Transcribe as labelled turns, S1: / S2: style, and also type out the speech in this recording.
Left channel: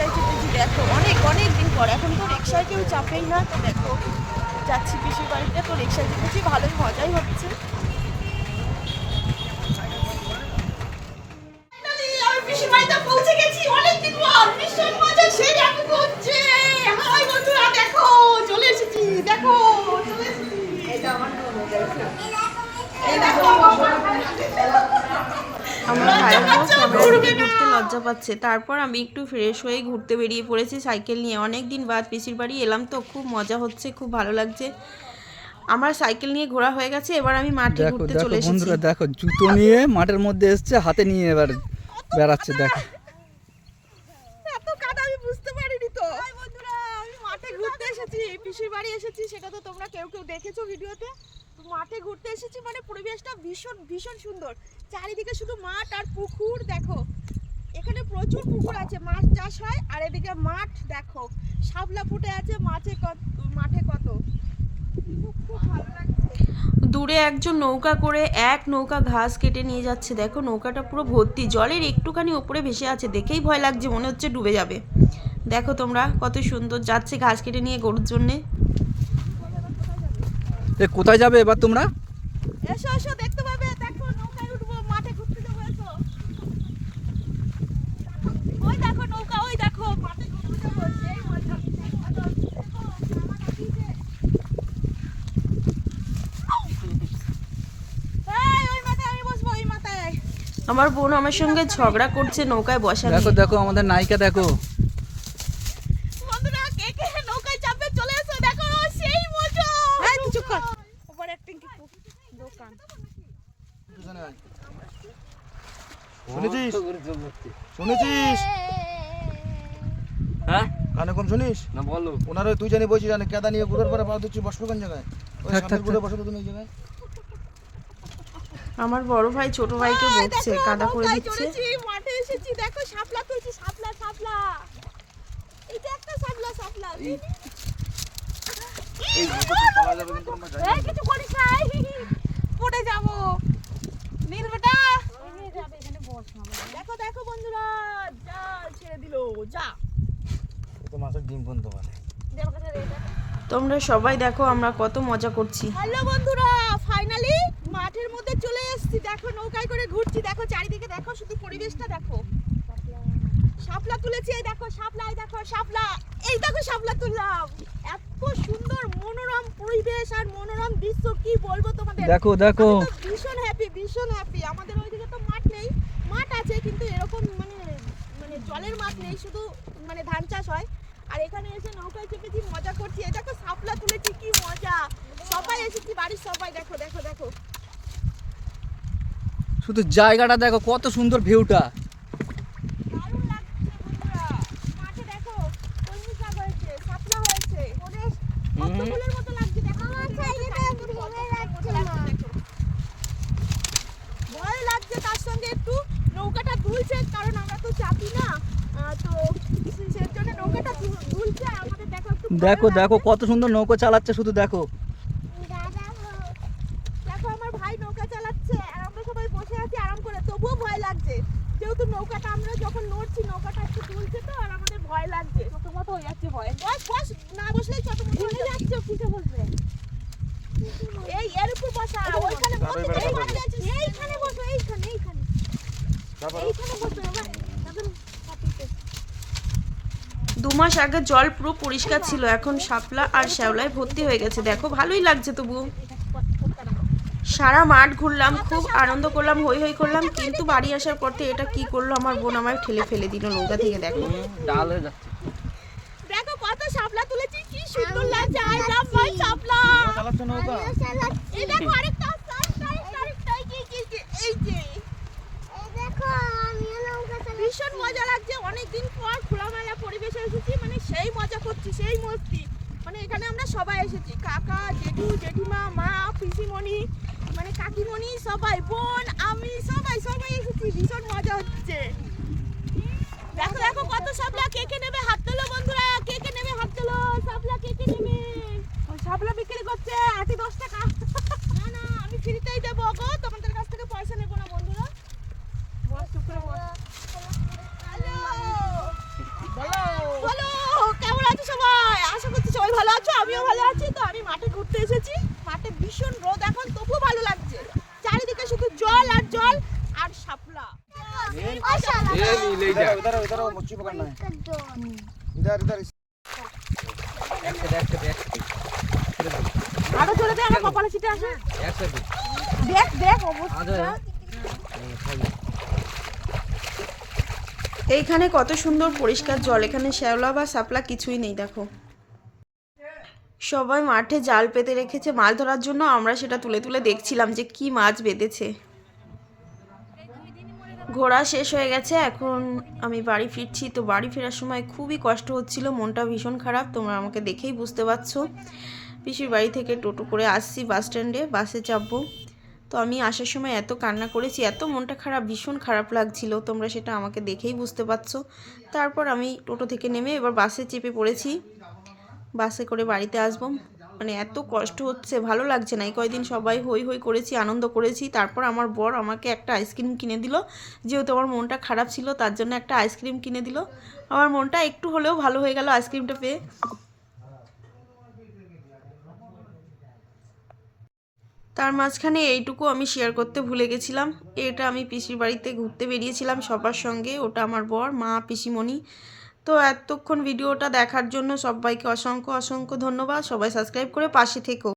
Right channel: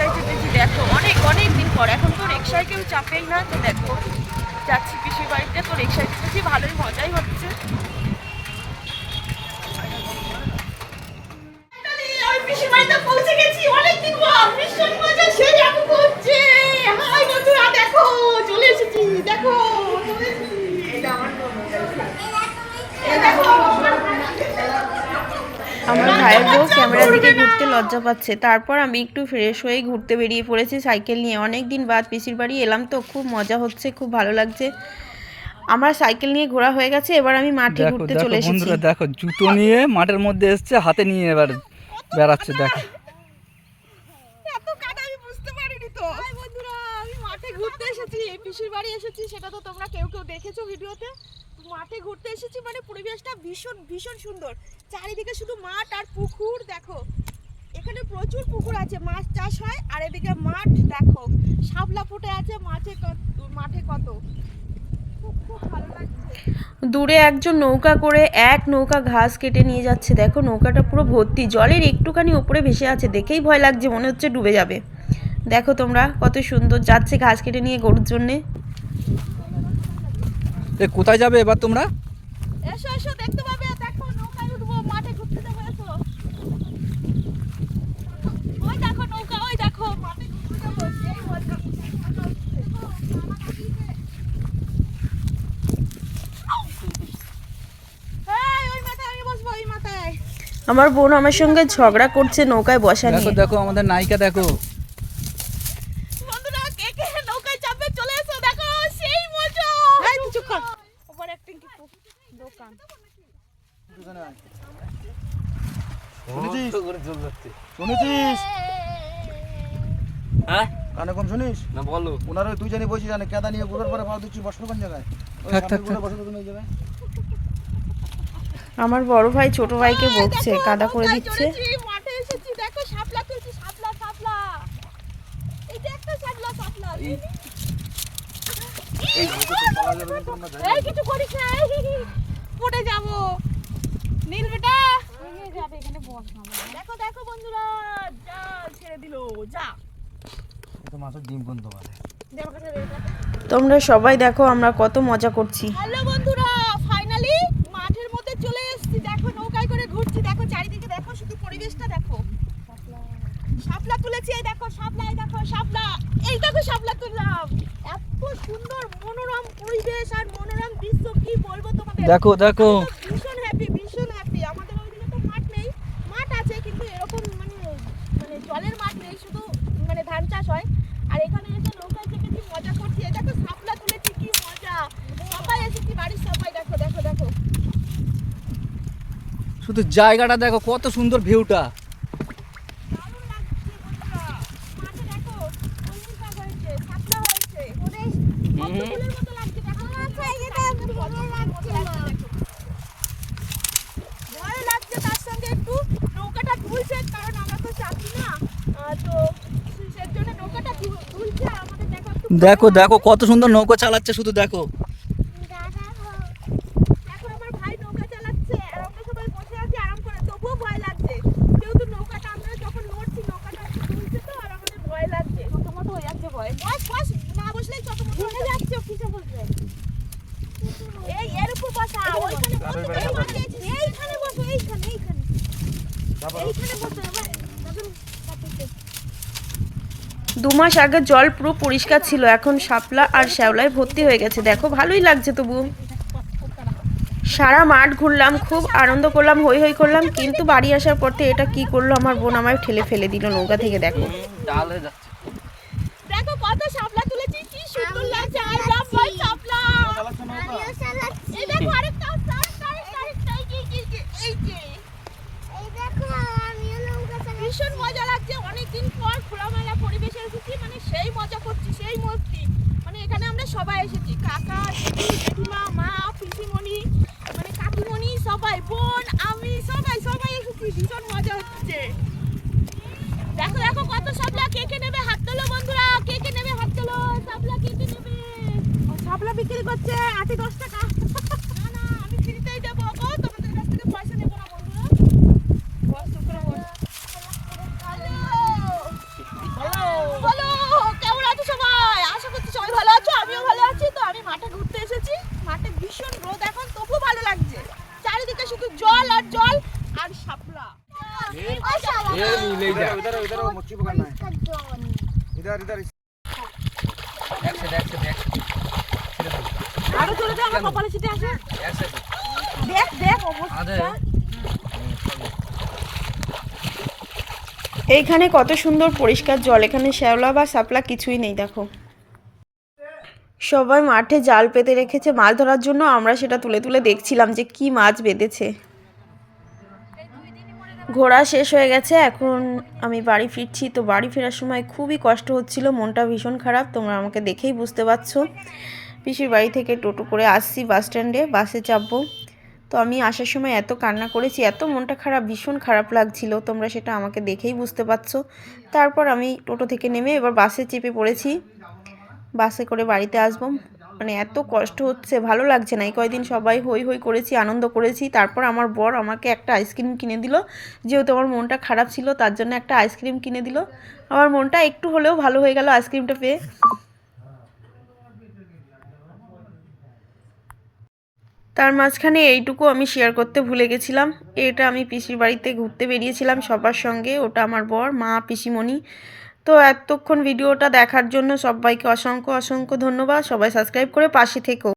S1: রিক্সায় চেপেছি দেখো, অনেক অনেক দিন পর। এখন তো রিক্সায় কেউ চাপেই না, তো দেখো, যাচ্ছি পিসির বাড়িতে, তো রিক্সায় চেপেছি ভালোই, মজাই হচ্ছে। দেখো চলে এসেছি দেখো চলে এসেছি এটা আমার এই দেখো আমার ভাইয়ের বউ ক্যামেরা দিকে ঘুরতে লজ্জা পাচ্ছে। তারপর আমি একটু ফ্রেশ হয়ে ঘুরতে বেরিয়ে পড়েছি সাইকেল নিয়ে। অনেক দিন বাদ পিসির বাড়ি এলাম তো খুব মজা হচ্ছে খুব ভালো লাগছে। আমার সাইকেল নিয়ে ঘোরা হয়ে গেছে এবার আমি মাঠে ঘুরতে চলে এসেছি।
S2: বন্ধুরা দেখো জুতো নিয়ে মাঠের মধ্যে এসছে হাতে নিয়ে এবার বেড়াচ্ছে দেখো।
S1: এত কাদা আমি বুঝতে পারিনি তো। হাই বন্ধুরা আমি মাঠে ঘুরতে এসেছি পিসির বাড়ি এসেছি সেটা তো তোমরা কেউ কেউ দেখেছ ভিডিওতে। মাঠে ঘুরতে এসেছি মানে পরিবেশটা ভীষণ ভীষণ সুন্দর। চারিদিকে শুধু মাঠ আর পুকুর, দেখো। এখানে প্রচুর পুকুর আছে, মাছ চাষ হয়, আর এদিকে মাঠ, দেখো। শাপলা ফুটে আছে মাঠে কত মাঠে কত। দূরে একজন নৌকা করে এক নৌকা ঘাস কেটে নিয়ে যাচ্ছে। দেখো, নৌকাটা পুরো ভর্তি। জলের একটুখানি ওপরে ভেসে আছে, দেখেই ভয় লাগছে, মনে হচ্ছে ডুবে যাবে। দেখো তোমরা কত সুন্দর যাচ্ছে ঘাস কেটে নিয়ে গরুর জন্যে।
S2: এ কোথায় যাবে এবার তোমরা?
S1: এসো এসো দেখতে পাবে দেখো নৌকায় উঠবো মাঠে ঘুরতে যাব এসো। ওই দেখো নৌকা ওই দেখো মাঠে ঘুরতে যাব সেই মজা ওই মাথায় ওই মাথায়। আমার বোন আমার সঙ্গে ঝগড়া করছে নৌকায় বসা
S2: দেখো দেখো আমাদের নায়িকা দেখো
S1: বন্ধুরা কে কে নৌকায় চাপবে চলে এসো দেখো সেই মজা এই তুই চুপ কর ওভার অ্যাক্টিং কি দোকান
S3: শুনেছিস?
S2: হ্যাঁ?
S3: কানে কম শুনিস?
S2: না বলো।
S3: ওনার ওই দুজনে বসে জানে কেদা নিয়ে ঘুরার পরে দিচ্ছি বসল কোন জায়গায়? ওই সামনে ঘুরে জায়গায়।
S1: আমার বড় ভাই ছোট ভাইকে বকছে কাদা করে দিচ্ছে। মাঠে এসেছি দেখো শাপলা তুলছি শাপলা শাপলা। এটা একটা শাপলা শাপলা এই কিছু করিস না পড়ে যাব। দেখো দেখো বন্ধুরা যা ছেড়ে দিল যা।
S3: তো মাছের ডিম কোন তোমার
S1: তোমরা সবাই দেখো আমরা কত মজা করছি। হ্যালো বন্ধুরা ফাইনালি মাঠের মধ্যে চলে এসেছি। দেখো নৌকায় করে ঘুরছি। দেখো চারিদিকে দেখো শুধু পরিবেশটা দেখো। শাপলা তুলেছি এই দেখো শাপলা এই দেখো শাপলা এই দেখো শাপলা তুললাম। এত সুন্দর মনোরম পরিবেশ আর মনোরম দৃশ্য কি বলব তোমাদের?
S2: দেখো দেখো
S1: আমি তো ভীষণ হ্যাপি ভীষণ হ্যাপি আমাদের ওইদিকে তো মাঠ নেই মাঠ আছে কিন্তু এরকম মানে মানে জলের মাঠ নেই শুধু মানে ধান চাষ হয় আর এখানে এসে নৌকায় চেপেছি মজা করছি। এই দেখো সাপলা তুলেছি কি মজা। সবাই এসেছি বাড়ির সবাই দেখো দেখো দেখো।
S2: শুধু জায়গাটা দেখো কত সুন্দর ভিউটা।
S1: দারুণ লাগছে বন্ধুরা। মাঠে দেখো কলমি শাক হয়েছে শাপলা হয়েছে। ওদের কত ফুলের মতো লাগছে দেখো। ভয় লাগছে তার সঙ্গে একটু। নৌকাটা দুলছে কারণ আমরা তো চাপি না। দেখো একটু
S2: দেখো দেখো কত সুন্দর নৌকো চালাচ্ছে শুধু দেখো।
S1: দেখো আমার ভাই নৌকা চালাচ্ছে আর আমরা সবাই বসে আছি আরাম করে। তবুও ভয় লাগছে যেহেতু নৌকাটা আমরা যখন নড়ছি নৌকাটা একটু দুলছে তো আর আমাদের ভয় লাগছে। তোমার যাচ্ছে ভয়? বস বস না বসলেই ছোট মতো যাচ্ছে কিসে বসবে এই এর উপর বসা ওইখানে বসে এইখানে এইখানে বসো এইখানে এইখানে। এইখানে বসো এবার দু মাস আগে জল পুরো পরিষ্কার ছিল এখন শাপলা আর শ্যাওলায় ভর্তি হয়ে গেছে। দেখো ভালোই লাগছে তবু। সারা মাঠ ঘুরলাম খুব আনন্দ করলাম হই হই করলাম কিন্তু বাড়ি আসার পথে এটা কি করল আমার বোন আমায় ঠেলে ফেলে দিল নৌকা থেকে দেখো।
S2: ডাল যাচ্ছে
S1: দেখো কত শাপলা তুলেছি কি সুন্দর লাগছে মাই শাপলা।
S3: নৌকা
S1: এই দেখো আরেকটা আরেকটা আরেকটা এই যে, এই যে, এই যে ভীষণ মজা লাগছে অনেকদিন পর খোলামেলা পরিবেশে এসেছি মানে সেই মজা করছি সেই মস্তি মানে এখানে আমরা সবাই এসেছি। কাকা, জেঠু, জেঠিমা, মা, পিসিমণি মানে কাকিমণি, সবাই, বোন, আমি, সবাই সবাই এসেছি। ভীষণ মজা হচ্ছে। দেখো দেখো কত সাপলা কে কে নেবে হাত তোলো বন্ধুরা, কে কে নেবে হাত তোলো? সাপলা কে কে নেবে? সাপলা বিক্রি করছে, আটি দশ টাকা। না না, আমি ফ্রিতেই দেবো। গো তোমাদের কাছ থেকে পয়সা নেব না বন্ধুরা বস চুপ করে বস হ্যালো
S4: इधर इधर इधर वो मच्छी पकड़ना है इधर इधर
S5: আরো চলে দে আমার কপালে ছিটে আসে দেখ দেখ অবস্থা এইখানে কত সুন্দর পরিষ্কার জল এখানে শ্যাওলা বা শাপলা কিছুই নেই দেখো সবাই মাঠে জাল পেতে রেখেছে মাছ ধরার জন্য আমরা সেটা তুলে তুলে দেখছিলাম যে কি মাছ বেঁধেছে ঘোরা শেষ হয়ে গেছে, এখন আমি বাড়ি ফিরছি। তো বাড়ি ফেরার সময় খুবই কষ্ট হচ্ছিল, মনটা ভীষণ খারাপ, তোমরা আমাকে দেখেই বুঝতে পারছ। পিসির বাড়ি থেকে টোটো করে আসছি বাস স্ট্যান্ডে, বাসে চাপবো। তো আমি আসার সময় এত কান্না করেছি, এত মনটা খারাপ, ভীষণ খারাপ লাগছিল, তোমরা সেটা আমাকে দেখেই বুঝতে পারছ। তারপর আমি টোটো থেকে নেমে এবার বাসে চেপে পড়েছি। বাসে করে বাড়িতে আসব। মানে এত কষ্ট হচ্ছে, ভালো লাগছে না। এই কয়দিন সবাই হই হই করেছি, আনন্দ করেছি। তারপর আমার বর আমাকে একটা আইসক্রিম কিনে দিল। যেহেতু আমার মনটা খারাপ ছিল, তার জন্য একটা আইসক্রিম কিনে দিল। আমার মনটা একটু হলেও ভালো হয়ে গেল আইসক্রিমটা পেয়ে। তার মাঝখানে এইটুকু আমি শেয়ার করতে ভুলে গেছিলাম। এটা আমি পিসির বাড়িতে ঘুরতে বেরিয়েছিলাম সবার সঙ্গে। ওটা আমার বর, মা, পিসিমণি। তো এতক্ষণ ভিডিওটা দেখার জন্য সবাইকে অসংখ্য অসংখ্য ধন্যবাদ। সবাই সাবস্ক্রাইব করে পাশে থেকো।